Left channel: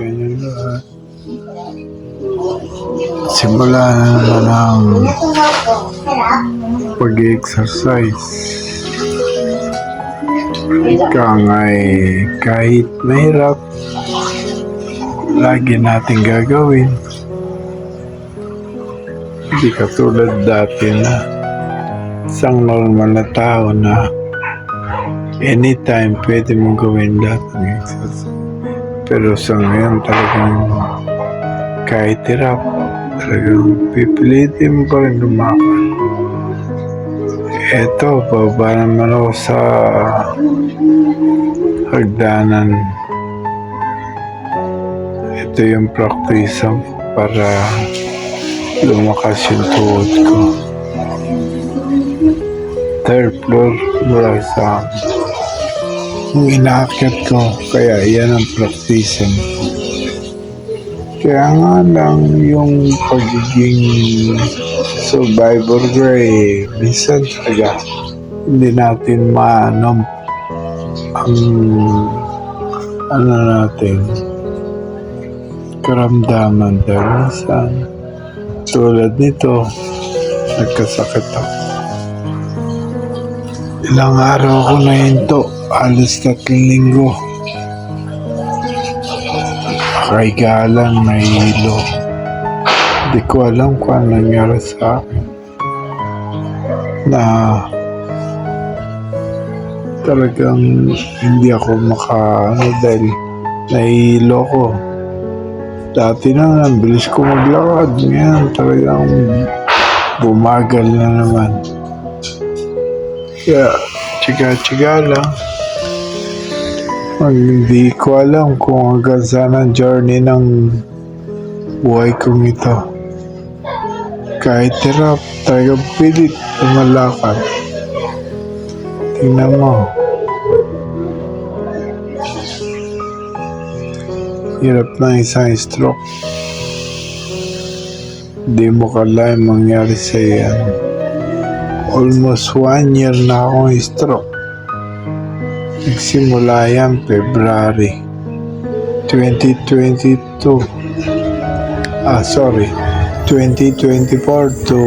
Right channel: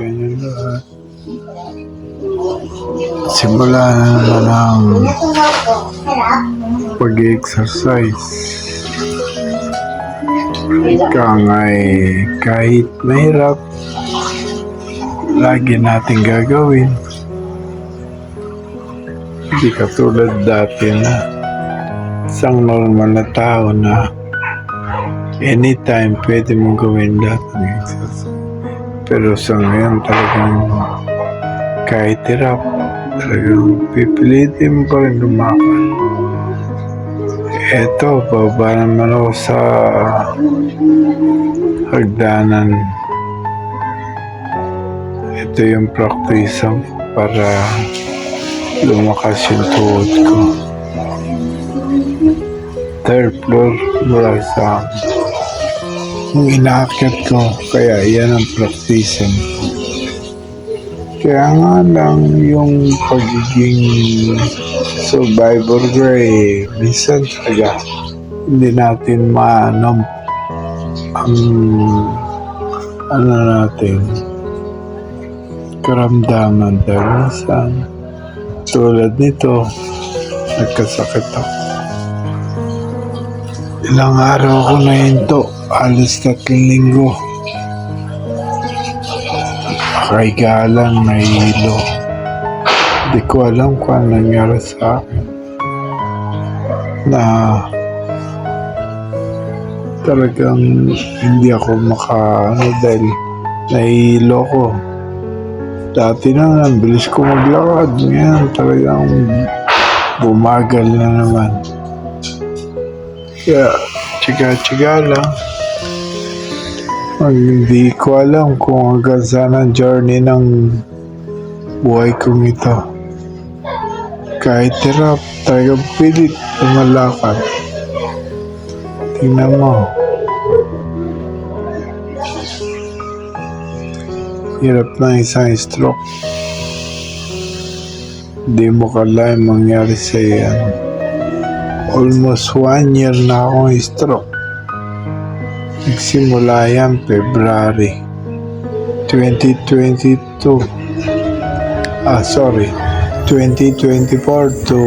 Ganyan lahat. Simula na naman ang pag-exercise. Ika nga'y kahit mahirap, lagi natin gagawin. Hindi katulad dati na isang normal na tao na anytime pwede mong gawin lahat ng exercise. Pero sa ngayon talagang kahit hirap, talagang pipilitin mo pa rin lumakad. Eto, baba naman ako sa hagdanan. Ito yung practice para lumakas yung tuhod ko. Third floor mula sa yung inaakyat ko, kaya yan ang practice. Kaya nga lang yung pagiging survivor ko minsan talaga hindi natin maano ang natin karamdaman dahil minsan tulad nito nagkasakit ako. Ilang araw ako na hinto, alas 3 linggo. Kaya lang nahihilo. Hindi ko alam kung ano nangyari sa akin. Na talagang hindi ako dahil nahihilo ko. Dati na, ang bilis ko maglakad. Ngayon talagang bumagal na naman. Kaya, tsiga-tsiga lang. Hindi ko alam kung hanggang saan ang journey ng buhay kong ito. Kahit hirap, talagang pilit lumalakad. Tingnan mo. Hirap na isang stroke. Hindi mo kalahin mangyari sa yan. Almost 1 year na akong stroke. Nagsimula yan February 2022. 2024 to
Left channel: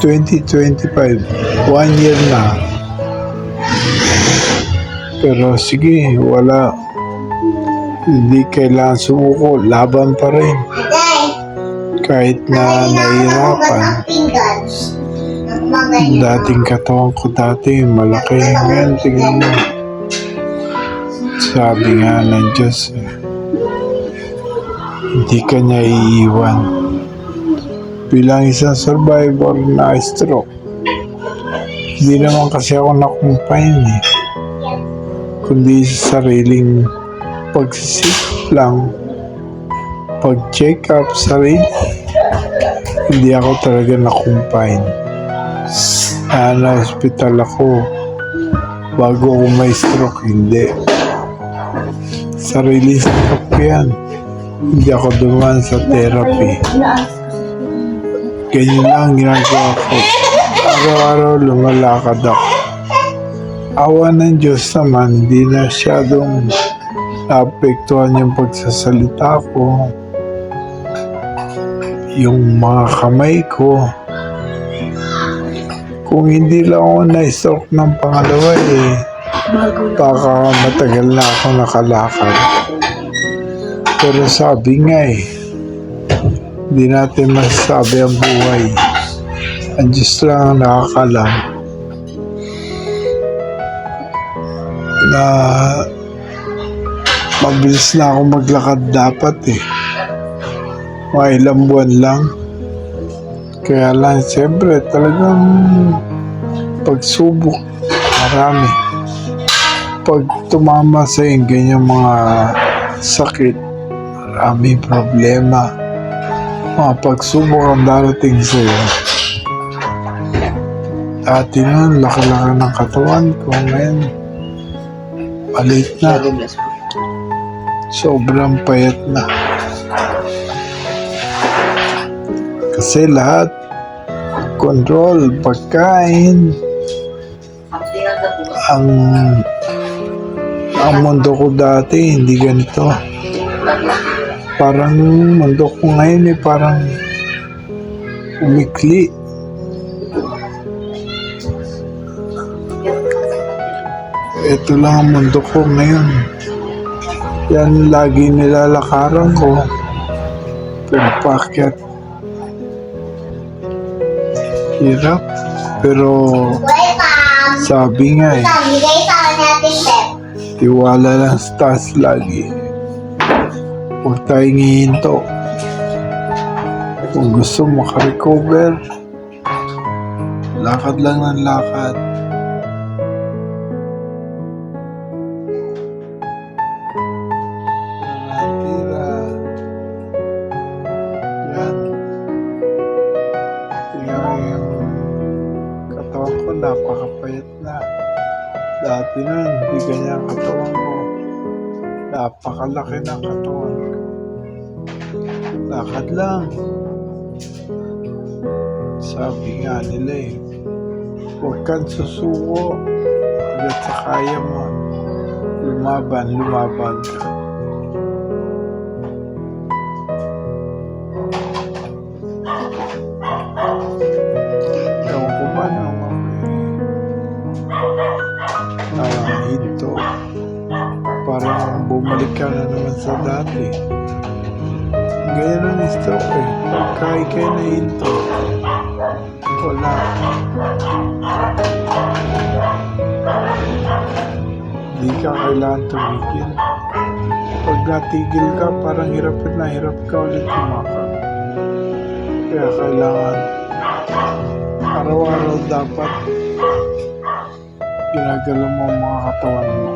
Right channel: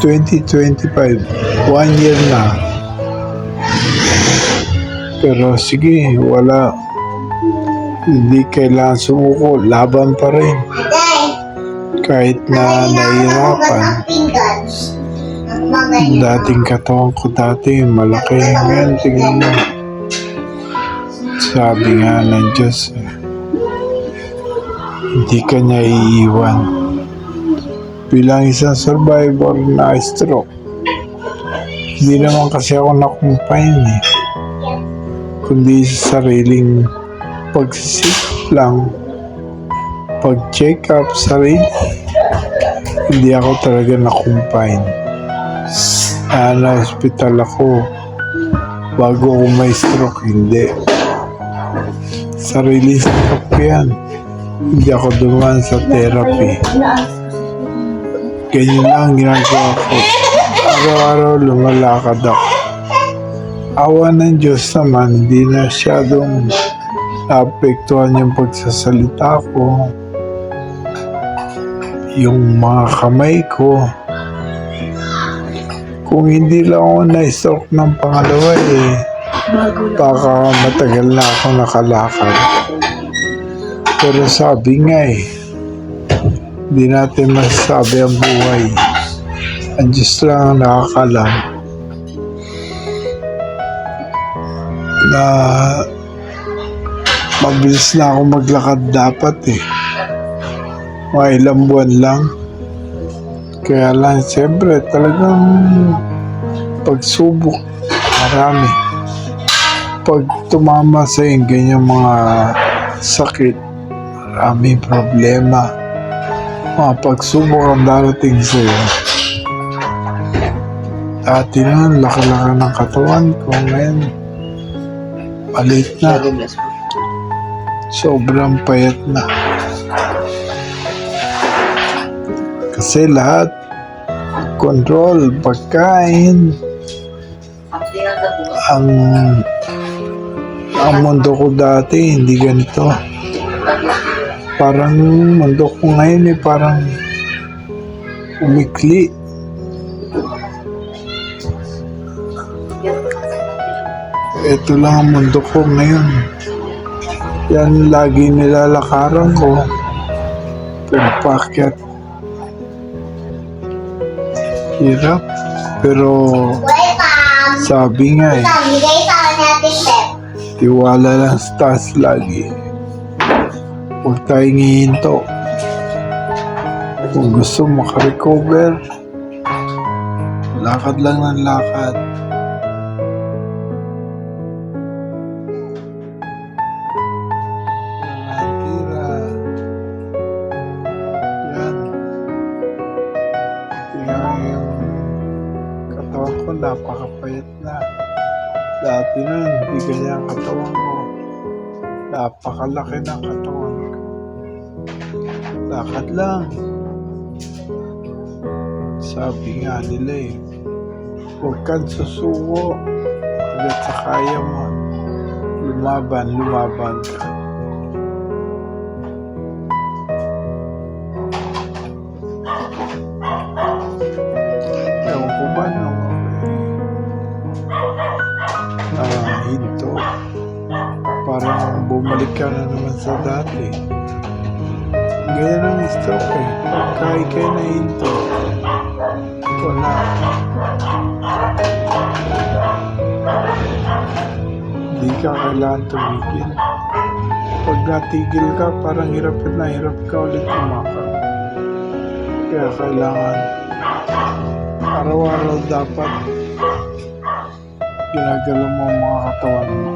2025. 1 year na. Pero sige, wala. Hindi kailangan sumuko. Laban pa rin. Kahit na nahihirapan. Dating katawan ko dati, malaki. Ngayon, tingnan mo. Sabi nga ng Diyos, hindi ka niya iiwan. Bilang isang survivor na stroke, hindi naman kasi ako nakumpain kundi sa sariling pagsisip lang, pag-check up sarili. Hindi ako talaga nakumpain. Na-hospital ako bago ako may stroke, hindi. Sarili sa ko yan. Hindi ako dumaan sa therapy. Ganyan lang ginagawa ko. Araw-araw lumalakad ako. Awa ng Diyos naman, hindi na masyadong naapektuhan yung pagsasalita ko. Yung mga kamay ko. Kung hindi lang ako na-stroke ng pangalawa baka matagal na ako nakalakad. Pero sabi nga hindi natin masasabi ang buhay. Ang Diyos lang ang nakakalam na mabilis na ako maglakad dapat mga ilang buwan lang. Kaya lang siyempre talagang pagsubok marami. Pag tumama sa ganyang mga sakit, maraming problema. Mga pagsubok ang darating sa'yo. Dati na, laki-laki ng katawan ko. Ngayon, maliit na. Sobrang payat na. Kasi lahat, control, pagkain, ang mundo ko dati, hindi ganito. Parang mundo ko ngayon parang umikli. Ito lang ang mundo ko ngayon. Yan lagi nilalakaran ko. Pagpakyat. Hirap. Pero sabi nga tiwala lang sa taas lagi. Huwag tayong hihinto. Kung gusto makarecover, lakad lang ng lakad. Tira. Yan. Tingnan yung katawan ko, napakapayat na. Dati nun, hindi ganyan ang katawan ko. Napakalaki ng katawan ko. Lakad lang. Sabi nga nila huwag kang susuko hanggat sa kaya mo. Lumaban ka. Ewan ko ba nung ako hinto. Parang bumalik ka na naman sa dati. Ganyan ang stroke Pagka ikay na hinto, wala. Hindi ka kailangan tumigil. Pag natigil ka, parang hirap ka ulit tumakal. Kaya kailangan araw-araw dapat ginagalaw mo ang mga katawan mo.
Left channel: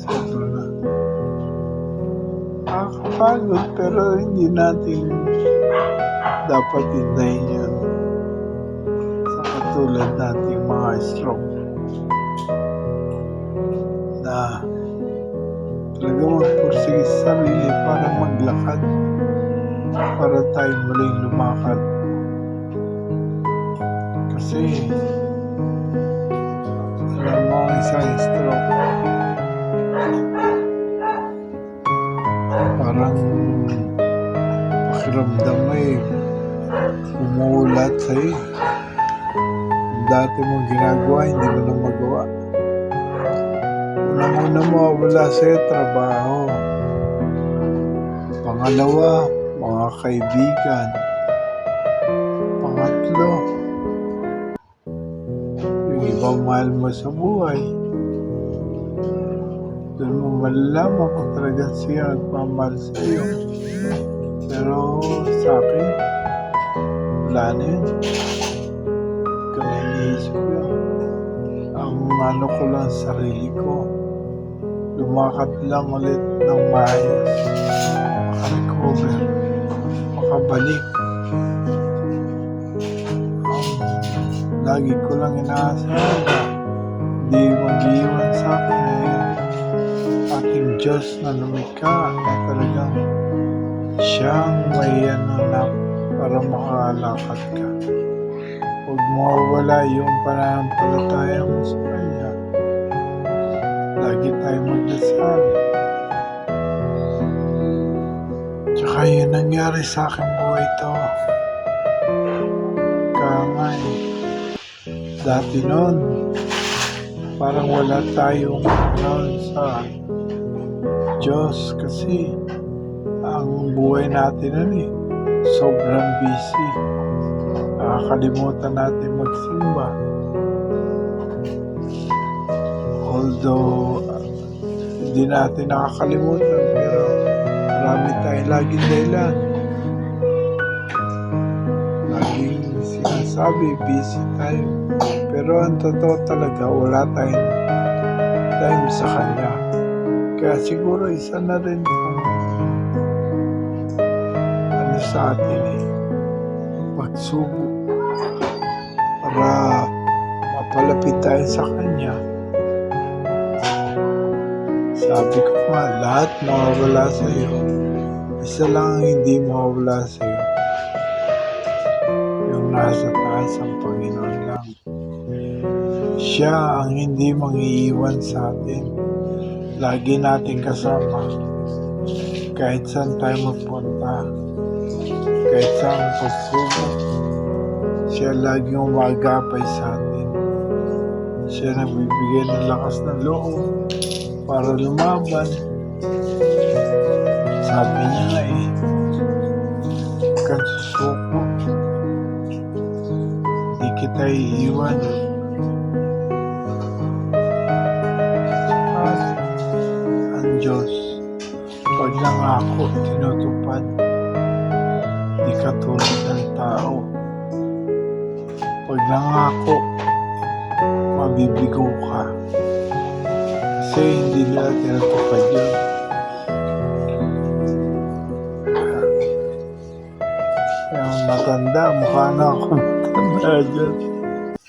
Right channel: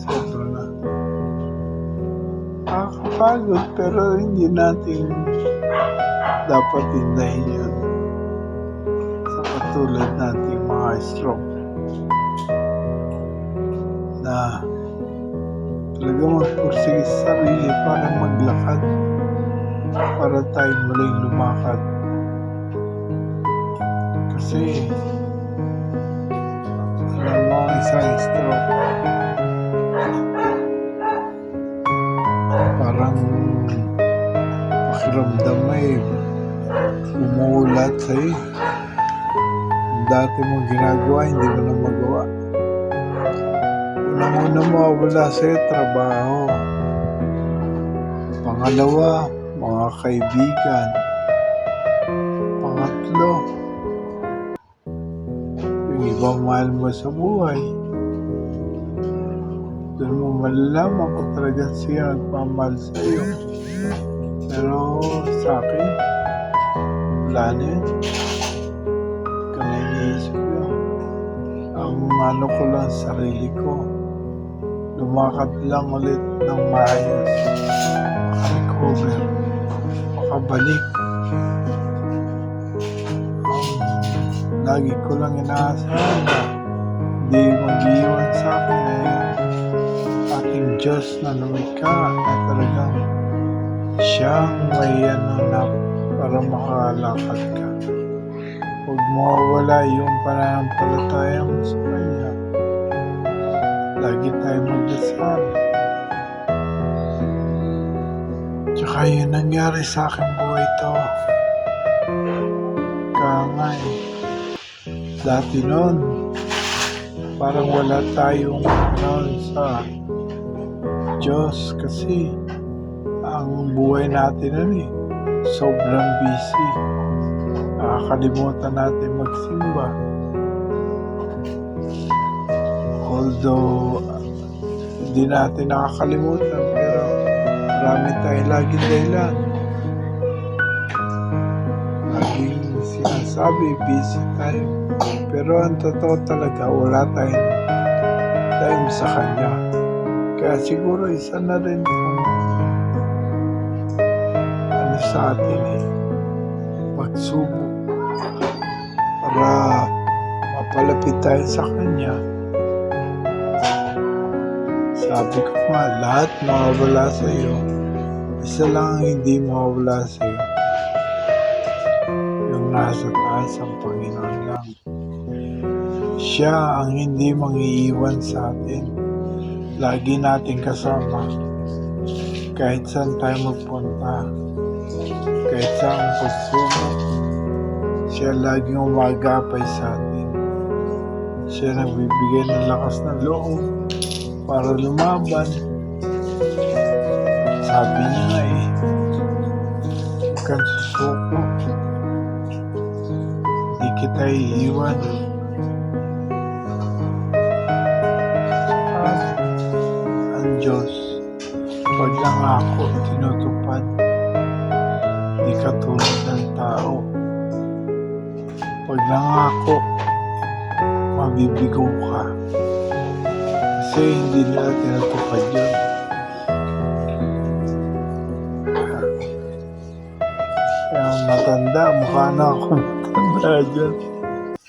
Sobra na. Nakakapagod pero hindi natin dapat hindahin yun. Sa katulad natin mga stroke na talaga magpursige sa sarili para maglakad, para tayo muling lumakad. Kasi alam mo, isang stroke parang pakiramdam mo umuulat sa'yo. Dati mo ginagawa, hindi mo na magawa. Unang-una mo wala sa'yo trabaho. Pangalawa, mga kaibigan. Pangatlo, yung ibang mahal mo sa buhay. Doon mo malalaman kung talagang siya nagmamahal sa iyo. Pero sa akin, wala na yun. Hindi ko na iniisip yun. Ang ko lang sarili ko, lumakad lang ulit ng maayos, makarecover, makabalik. Lagi ko lang inaasahan na hindi mag-iwan sa akin yung ating Diyos na lumikha na talagang siyang may na para makalakad ka. Huwag mawawala yung pananampalataya mo sa Kanya. Lagi tayo magdasal. Tsaka yun nangyari sa aking buhay to. Kaya nga dati noon, parang wala tayong sa Diyos kasi ang buhay natin nun sobrang busy. Nakakalimutan natin magsimba. Although hindi natin nakakalimutan, pero marami tayong laging dahilan. Laging sinasabi, busy tayo. Pero ang totoo talaga, wala tayong time sa Kanya. Kaya siguro isa na rin kung sa atin pagsubok para mapalapit tayo sa Kanya. Sabi ko nga, lahat mawawala sa iyo. Isa lang ang hindi mawawala sa iyo. Yung nasa taas ang Panginoon lang. Siya ang hindi mangiiwan sa atin. Lagi nating kasama. Kahit saan tayo magpunta. Kahit saan pagsubok. Siya laging umagapay sa atin. Siya nagbibigay ng lakas ng loob para lumaban. Sabi niya nga huwag kang susuko. Di kita iiwan. Saka ang Diyos, pag nangako, tinutupad. Di katulad ng tao. Pag nangako, mabibigo ka. Kasi hindi nila tinutupad yun. Kaya matanda, mukha na ako matanda dyan.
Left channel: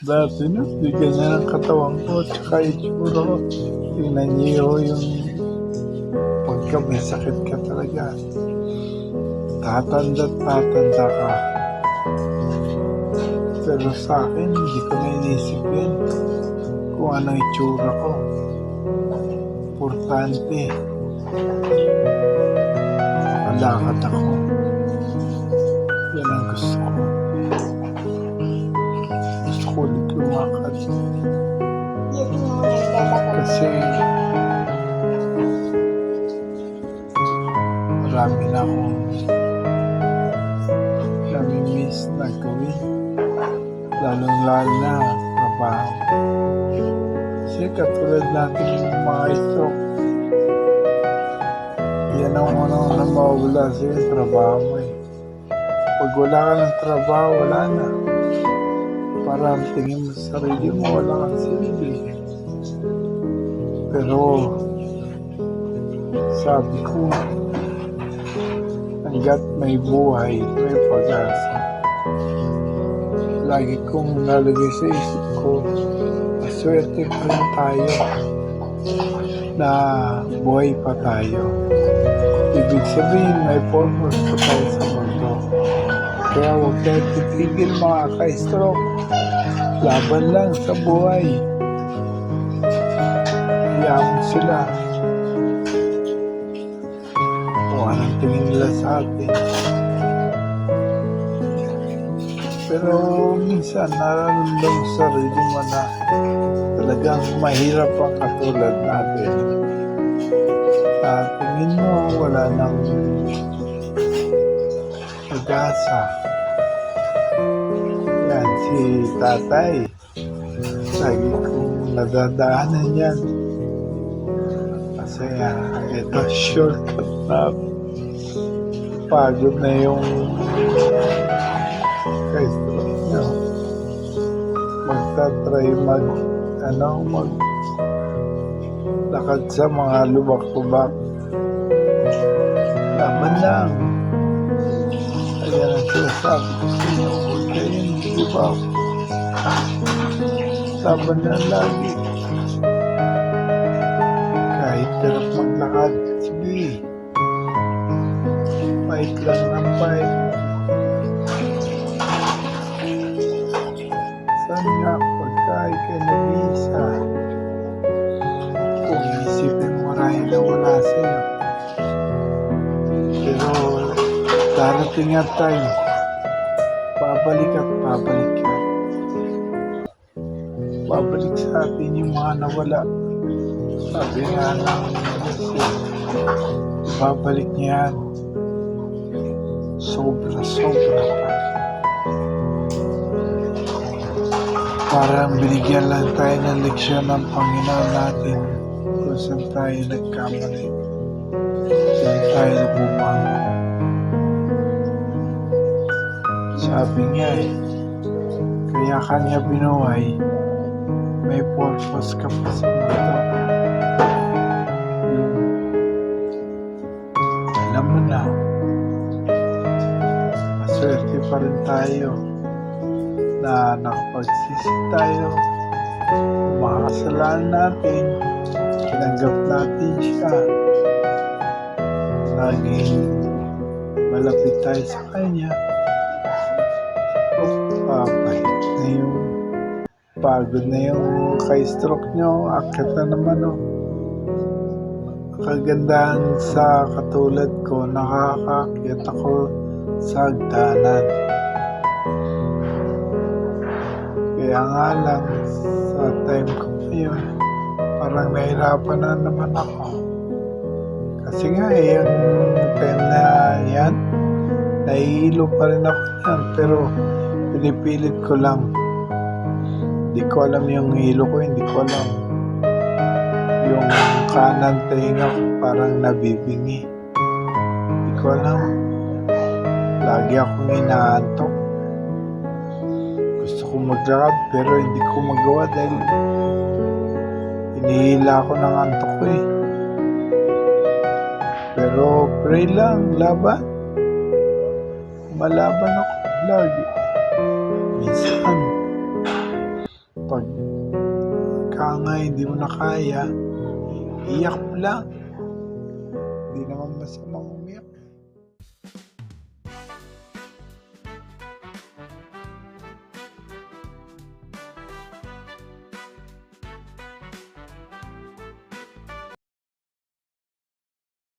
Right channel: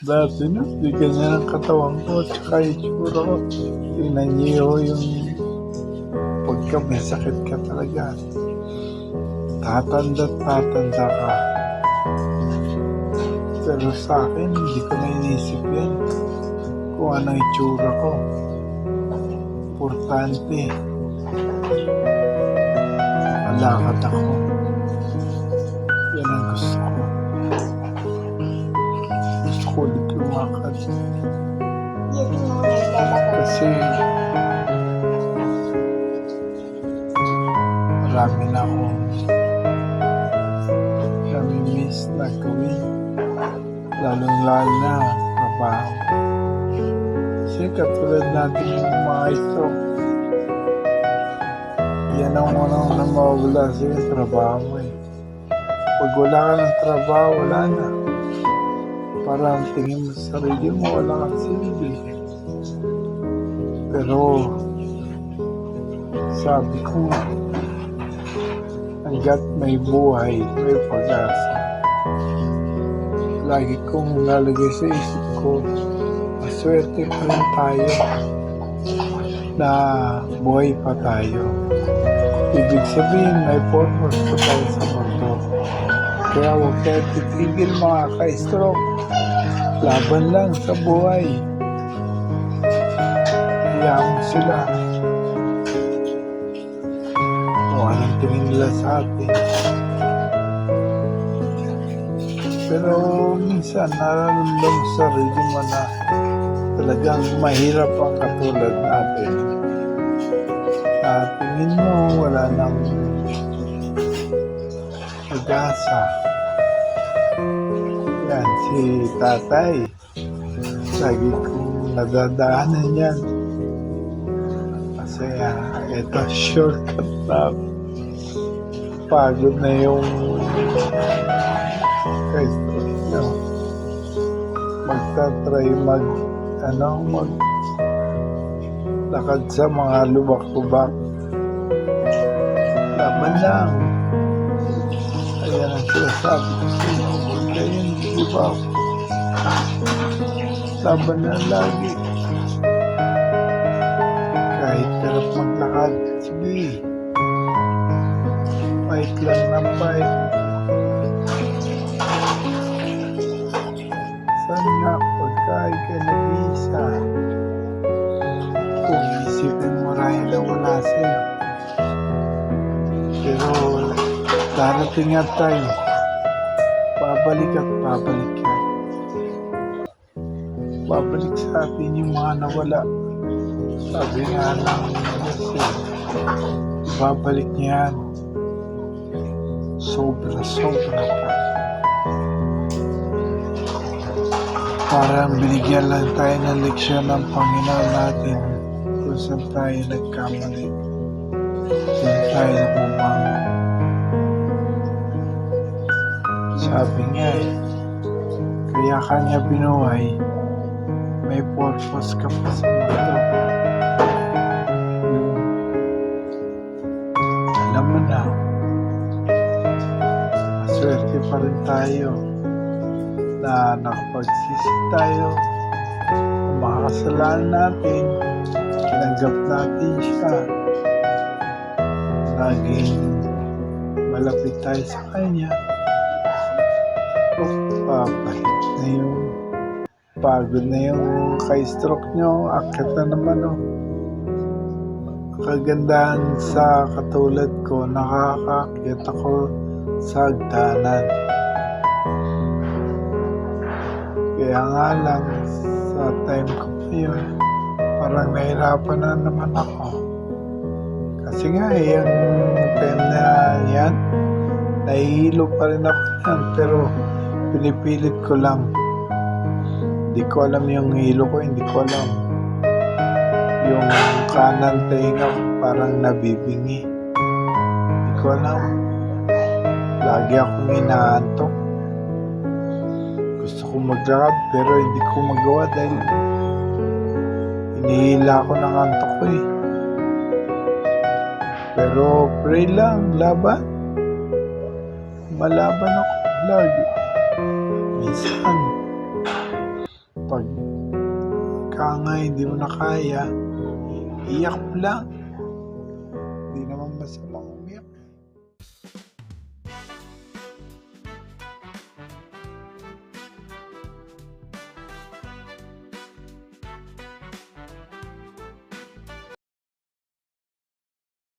Dati na, di ganyan ang katawan ko, tsaka itsura ko. Tingnan niyo yung pagka may sakit ka talaga. Tatanda ka. Pero sa akin, hindi ko na inisip yan. Kung anong itsura ko. Importante. Makalakad ako. Yan ang gusto ko. Gusto ko ulit lumakad. Kasi marami na akong nami-miss na gawin. Lalong-lalo na trabaho. Kasi katulad natin yung mga ito, yan ang unang na mawala sa yung trabaho mo Pag wala ka ng trabaho, wala na. Parang tingin mo sa sarili mo, wala kang silbi. Pero, sabi ko, hanggat may buhay, may pag-asa. Lagi kong nalagay sa isip ko, maswerte pa rin tayo na buhay pa tayo. Ibig sabihin, may purpose pa tayo sa mundo. Kaya huwag tayo titigil mga ka-stroke. Laban lang sa buhay. Hayaan mo sila. Kung anong tingin nila sa atin. Pero minsan nararamdaman sa sarili mo na talagang mahirap ang katulad natin. Tingin mo wala nang pag-asa. Yan, si tatay. Lagi kong nadadaanan yan. Kasi ito shortcut na pagod na yung ka-stroke nyo. Magtatry lakad sa mga lubak-lubak. Laban lang. Ayan ang sinasabi ko sa inyo. Huwag kayong gigibaw. Laban lang lagi. Kahit hirap maglakad, sige. Fight lang ng fight. Saan nga pagka ikay nag-iisa? Kung isipin mo rin na wala sa'yo. Pero darating nga time, babalik at babalik yan. Babalik sa atin yung mga nawala. Sabi nga ng Diyos ibabalik niya yan. Sobra pa. Para binigyan lang tayo ng leksyon ng Panginoon natin kung saan tayo nagkamali. Saan tayo bumangon. Sabi nga kaya kanya binuhay, may purpose ka pa sa mundo. Yung alam mo na, maswerte pa rin tayo na nakapagsisi tayo mga kasalanan natin, tinanggap natin siya, laging malapit tayo sa Kanya, babalik na yung Pagod na yung ka-stroke nyo. Akit na naman, oh. Kagandahan sa katulad ko, nakakaakyat ako sa hagdanan. Kaya nga lang, sa time ko ngayon, parang nahirapan na naman ako. Kasi nga, yung time na yan, nahihilo pa rin ako yan. Pero, pinipilit ko lang. Hindi ko alam yung hilo ko, hindi ko alam. Yung kanan tainga ko parang nabibingi. Hindi ko alam. Lagi akong inaantok. Gusto ko maglakad pero hindi ko magawa dahil hinihila ako ng antok ko eh. Pero pray lang, laban. Malaban ako lagi. Minsan, pag nga hindi mo na kaya, iyak lang. Hindi naman masamang umiyak.